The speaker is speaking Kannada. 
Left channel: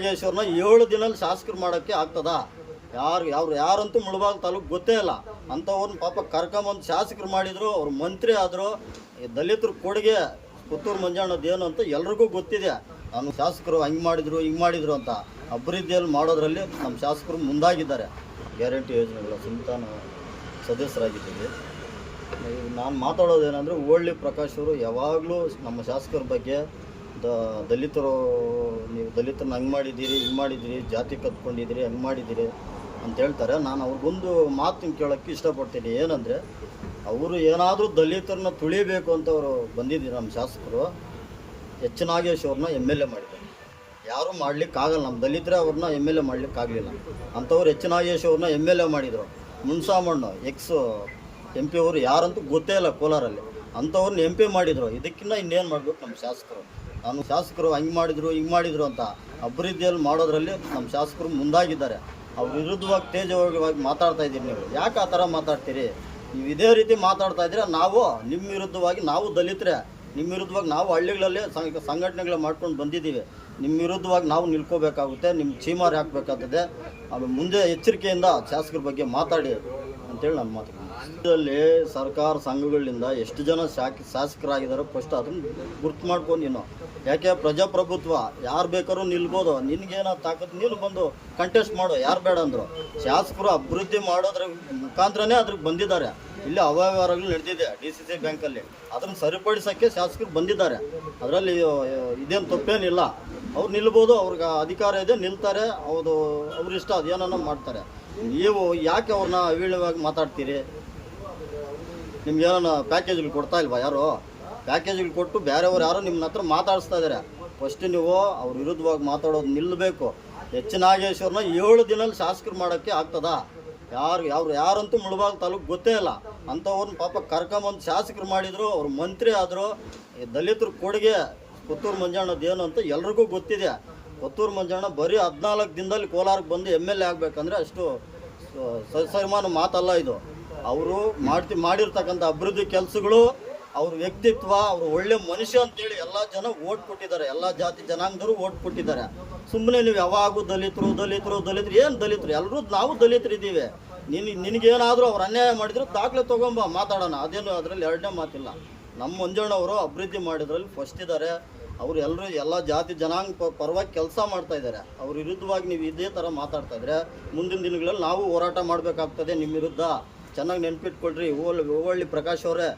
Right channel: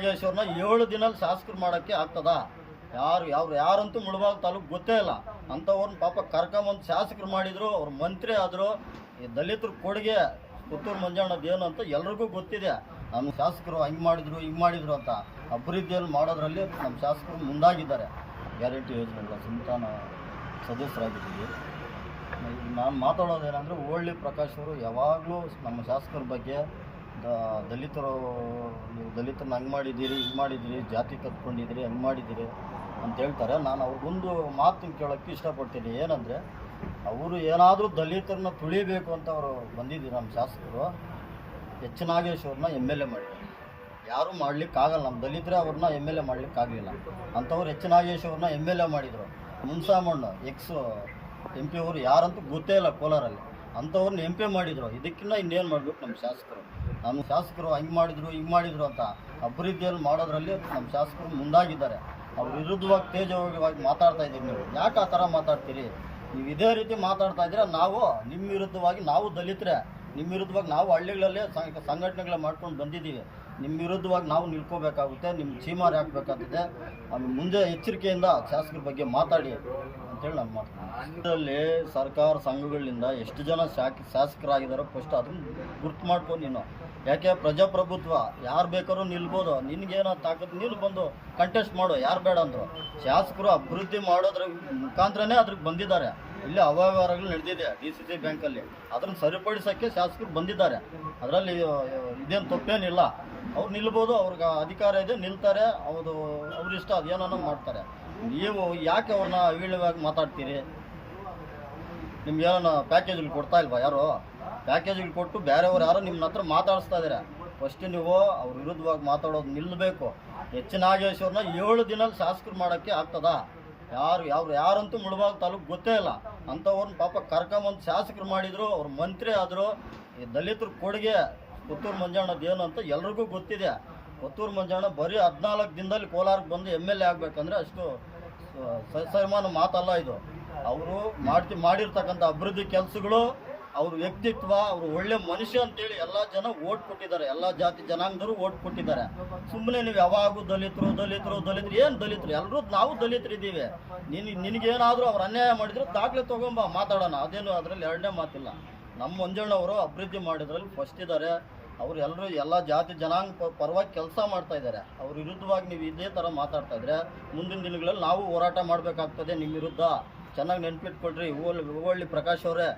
ನಾಗೇಶ್ವರನ ಏಳು ದಿನಲ್ಲಿ ಶಾಸಕರು ಮಾಡೋಕ್ಕೆ ಆಗ್ತದ? ಯಾರು ಯಾರು ಯಾರಂತೂ ಮುಳಬಾಗ ತಾಲೂಕು ಗೊತ್ತೇ ಇಲ್ಲ. ಅಂಥವ್ರನ್ನ ಪಾಪ ಕರ್ಕೊಂಬಂದು ಶಾಸಕರು ಮಾಡಿದರು, ಅವ್ರು ಮಂತ್ರಿ ಆದರು ದಲಿತರ ಕೊಡುಗೆ ಪುತ್ತೂರು ಮಂಜಣ್ಣದ್ದು ಏನು ಅಂತ ಎಲ್ರಿಗೂ ಗೊತ್ತಿದೆ. ನಮ್ಮ ಶಾಸಕರು ಹಂಗೆ ಮಾಡಿದರು, ಹಿಂಗೆ ಮಾಡಿದರು ಅಂತ ಅಭಿವೃದ್ಧಿಯಲ್ಲಿ ಮಾಡೋದ್ರಲ್ಲಿ ನಮ್ಮ ಶಾಸಕರು ಮುಂದಾಗಿದ್ದಾರೆ. ಗ್ಯಾರಂಟಿ ಯೋಜನೆಗಳ ಚಿಂತಾನ ಸದಸ್ಯರಾಗಿದ್ದೀವಿ. ಈಗ ನಾನು ಮಾತಾಡೋದೇನೆಂದರೆ ಓಳ್ಳಿ ಪ್ರಕಾಶ್ ಅವರು ಯಾವಾಗಲೂ ನಮ್ಮ ಶಾಸಕರ ಬಗ್ಗೆ ದ ದಲಿತರು, ನೀವು ದಲಿತರನ್ನ ಹಂಗೆ ಮಾಡಿದ್ದೀರಿ, ಹಿಂಗೆ ಮಾಡಿದ್ದೀರಿ, ಜಾತಿ ಕತ್ಕೊಂಡಿದ್ದೀರಿ ಹಂಗೆ ಮಾಡಿದ್ದೀರಿ ಅಂತ ಹೇಳ್ತಾರೆ. ನಾನು ಅವ್ರಿಗೊಂದು ಮಾತು ಕೇಳೋಕ್ಕೆ ಇಷ್ಟಪಡ್ತೀನಿ. ಏನಂದರೆ, ಅವರು ಏನಾದರೂ ದಲಿತರನ್ನ ತುಳಿಬೇಕು ಅಂತ ಅವರು ಬಂದಿದ್ದೀರಿ ನಮ್ಮ ಶಾಸಕರು ಎಚ್ ನಾಗೇಶ್ವರನ್ನ ಎಂ ಎಲ್ ಎ ಮಾಡಿದ್ದಾರೆ. ಯಾರೂ ಮಾಡಲಿಕ್ಕಾಗಲ್ಲ. ನಮ್ಮ ದಲಿತರೇ ಅವ್ರನ್ನ ಎಂ ಎಲ್ ಎ ಮಾಡಲಿಕ್ಕಾಗಲಿಲ್ಲ. ಅಂಥವ್ರು ಎಚ್ ನಾಗೇಶ್ವರನ್ನ ಎಂ ಎಲ್ ಎ ಮಾಡಿದರು. ಮುನ್ಸಾಮಣ್ಣು ಎಕ್ಸ್ ಎಂ ಪಿ ಅವರು ಯಾರಂತೂ ಗೊತ್ತೇ ಇಲ್ಲ ಕೋಲಾರಲ್ಲಿ. ಅಂಥವ್ರನ್ನ ಎಂ ಪಿ ಮಾಡಿದರು. ಇದಕ್ಕಿಂತ ಇನ್ನೇನು ಮಾಡಬೇಕು ನಮ್ಮ ಶಾಸಕರು? ನಾನು ಶಾಸಕರು ಹಂಗೆ ಮಾಡಿದರು, ಹಿಂಗೆ ಮಾಡಿದರು ಅಂತ ಅಭಿವೃದ್ಧಿಯಲ್ಲಿ ಮಾಡೋದ್ರಲ್ಲಿ ನಮ್ಮ ಶಾಸಕರು ಮುಂದಾಗಿದ್ದಾರೆ. ಅವ್ರ ವಿರುದ್ಧವಾಗಿ ತೇಜವಾಗಿ ಮಾತಾಡ್ತಾ ಇದ್ದೀರಿ ನೀವು. ಯಾಕೆ ಆ ಥರ ಮಾತಾಡ್ತೀರಿ? ನೀವು ಇದೇ ರೀತಿ ಮಾತಾಡ್ತಾ ಇದ್ದೀರ? ನಾವು ನಿಮ್ಮ ವಿರುದ್ಧವಾಗಿ ನಾವು ದಲಿತರೆ ನಿಮ್ಮ ವಿರುದ್ಧವಾಗಿ ನಾವು ಹಳ್ಳಿಗಳಲ್ಲಿ ಸಂಘಟನೆಗಳು ಮಾಡ್ಕೊಂಡು ಬಂದಿದ್ದೀವಿ. ನಿಮ್ಮ ವಿರುದ್ಧವಾಗಿ ನಾವು ನಿಲ್ಕೋಬೇಕಾಗುತ್ತೆ ನಿಮ್ಮ ಚೀಮಾರಿ ಹಾಕಬೇಕಾಗ್ತದೆ. ಆಮೇಲೆ ಮುಂದೆ ಎಚ್ಚರಿಕೆಯಿಂದ ಶಾಸಕರ ಬಗ್ಗೆ ಮಾತಾಡಿ ಅಂತೇಳಿ ನಾನು ಮಾತಾಡ್ತೀನಿ ಇದರಲ್ಲಿ ಸರ್ಕಾರ ಸಂಘಗಳಿಂದ ಎಷ್ಟು ಜನ ಶಾಕ್ ಶಾಸಕರಾಗಿದ್ದಾರೋ ಫಸ್ಟ್ ಅದನ್ನು ಗುರ್ತು ಮಾಡ್ಕೊಂಡು ನೀನು ಯಾಕೆ ಪ್ರಜಾಪ್ರಭುತ್ವ ಯಾರು ಬೇಕಾದ್ರೂ ನಿಲ್ಬೋದು. ನಿನಗೇನೋ ತಾಕತ್, ನೀನು ಬಂದು ಕಂಟೆಸ್ಟ್ ಮಾಡು, ಯಾರು ಬೇಡ ಅಂದರು. ಶಾಸಕರು ಅಭಿವೃದ್ಧಿ ಮಾಡೋದ್ರ ಮುಖಾಂತರನೇ ಅದ್ರಿಗೆ ಬಂದಿದ್ದಾರೆ. ಇಲ್ಲಿ ಅವ್ಯವಹಾರಗಳು ನಡೆದಿದೆ ಡಿ ಸಿ ಸಿ ಬ್ಯಾಂಕಲ್ಲಿ. ಅದನ್ನು ಸರಿಪಡಿಸೋಕ್ಕೆ ಶಾಸಕರು ಬಂದಿದ್ದಾರೆ. ಅದರಲ್ಲಿ ಇದೇನು ತಪ್ಪೇನಿಲ್ಲ. ಅವ್ರು ನಿಲ್ಬೋದು, ಅವ್ರಿಗೆ ಅಧಿಕಾರ ಇದೆ, ನಿಲ್ತಾರೆ. ಅವರು ಅವ್ರಿಷ್ಟ ಅದೇನೋ ಮಾಡ್ತಾರೆ. ನೀವು ಯಾಕೆ ಅವ್ರನ್ನ ಅವೀಳವಾಗಿ ಮಾತಾಡ್ತೀರಿ? ನಿಮ್ಗೆ ಏನೋ ಪ್ಯಾಕೇಜ್ಗಳು ಕೊಡ್ತಾ ಇಲ್ವಾ ಯಾರು? ಪ್ಯಾಕೇಜ್ಗಳು ಕೊಟ್ಟು ಬೇರೆಯವ್ರು ಯಾರೋ ನಿಮ್ಮ ಹತ್ರ ಮಾತಾಡಿಸ್ತಾ ಇದ್ದಾರೆ ಫಸ್ಟ್ ನೀವು ಅವ್ರ ವಿರುದ್ಧವಾಗಿ ಮಾತಾಡೋದು ನಿಲ್ಲಬೇಕು ಎಚ್ ನಾಗೇಶ್ವರನ ಏಳು ದಿನಲ್ಲಿ ಶಾಸಕರು ಮಾಡೋಕ್ಕೆ ಆಗ್ತದ? ಯಾರು ಯಾರು ಯಾರಂತೂ ಮುಳಬಾಗ್ ತಾಲೂಕು ಗೊತ್ತೇ ಇಲ್ಲ. ಅಂಥವ್ರನ್ನ ಪಾಪ ಕರ್ಕೊಂಬಂದು ಶಾಸಕರು ಮಾಡಿದರು, ಅವ್ರು ಮಂತ್ರಿ ಆದರು. ದಲಿತರ ಕೊಡುಗೆ, ಪುತ್ತೂರು ಮಂಜಣ್ಣದ್ದು ಏನು ಅಂತ ಎಲ್ರಿಗೂ ಗೊತ್ತಿದೆ. ಪುತ್ತೂರು ಮಂಜಣ್ಣ ಬರೀ ಹದಿನಾಲ್ಕು ದಿನದಲ್ಲಿ ಕೋಲಾರಕ್ಕೆ ಬಂದು ಎಂ ಎಲ್ ಎ ಆಗಬೇಕಂದ್ರೆ ಅಷ್ಟು ಸರಿಮಾನ ಮಾತಲ್ಲ ಇದು. ಅವರು ಮಾಡ್ತಿ, ಮಾಡಿರ್ತಕ್ಕಂಥ ಅಭಿವೃದ್ಧಿ ಕೆಲಸಗಳು, ಅವ್ರ ವ್ಯಕ್ತಿತ್ವ, ಅವರು ಒಳ್ಳೆ ಮನುಷ್ಯ ಅಂತೇಳಿ ಎಲ್ಲ ಜನ ಓಟ್ ಕೊಟ್ಟಿದ್ದಾರೆ. ಎಲ್ಲ ಜಾತಿ ಜನಾಂಗದವರು ಓಟ್ ಕೊಟ್ಟಿದ್ದಾರೆ. ಸುಮ್ಮನೆ ನೀವು ಯಾವಾಗೂ ದಲಿತರು ದಲಿತರು ದಲಿತರು, ಏನು ದಲಿತರು? ಎಲ್ಲರೂ ನಾವು ದಲಿತರಿದ್ದೀವಿ. ನಿನ್, ನಿನಗೇನಾದರೂ ಅವ್ರು ಅನ್ಯಾಯ ಮಾಡಿದ್ರು ದಾಖಲೆ ತೊಗೊಂಬ, ಮಾತಾಡೋಣ. ಅದೇನು ಅದರಲ್ಲಿ ಎರಡನೇ ಮಾತಿಲ್ಲ. ನಮ್ಮ ಮಂಜಣ್ಣವರು ಅಭಿವೃದ್ಧಿ ಮಾಡಿದ್ರಲ್ಲಿ ಫಸ್ಟ್ ಇದ್ದಾರೆ ಅವರು ಎಲ್ಲರೂ ಎಲ್ಲ ಜಾತಿ ಜನಾಂಗ ಪರವಾಗಿ ಕೆಲಸ ಮಾಡ್ತಾ ಇದ್ದಾರೆ. ಅವ್ರ ವಿರುದ್ಧವಾಗಿ ನೀವು ಇದೇ ಥರ ಮಾತಾಡ್ತಾ ಇದ್ರೆ ಮುಂದಿನ ದಿನಗಳಲ್ಲಿ ನಾವು ಹೋರಾಟ ಮಾಡಬೇಕಾಗ್ತದೆ ನಿಮ್ಮ ವಿರುದ್ಧ. ಚೆನ್ನಾಗಿ ನೆನ್ಪಿಟ್ಕೊಳ್ರಿ ಓಲ್ ಹೂವಳ್ಳಿ ಪ್ರಕಾಶ್ ಅವರೇ.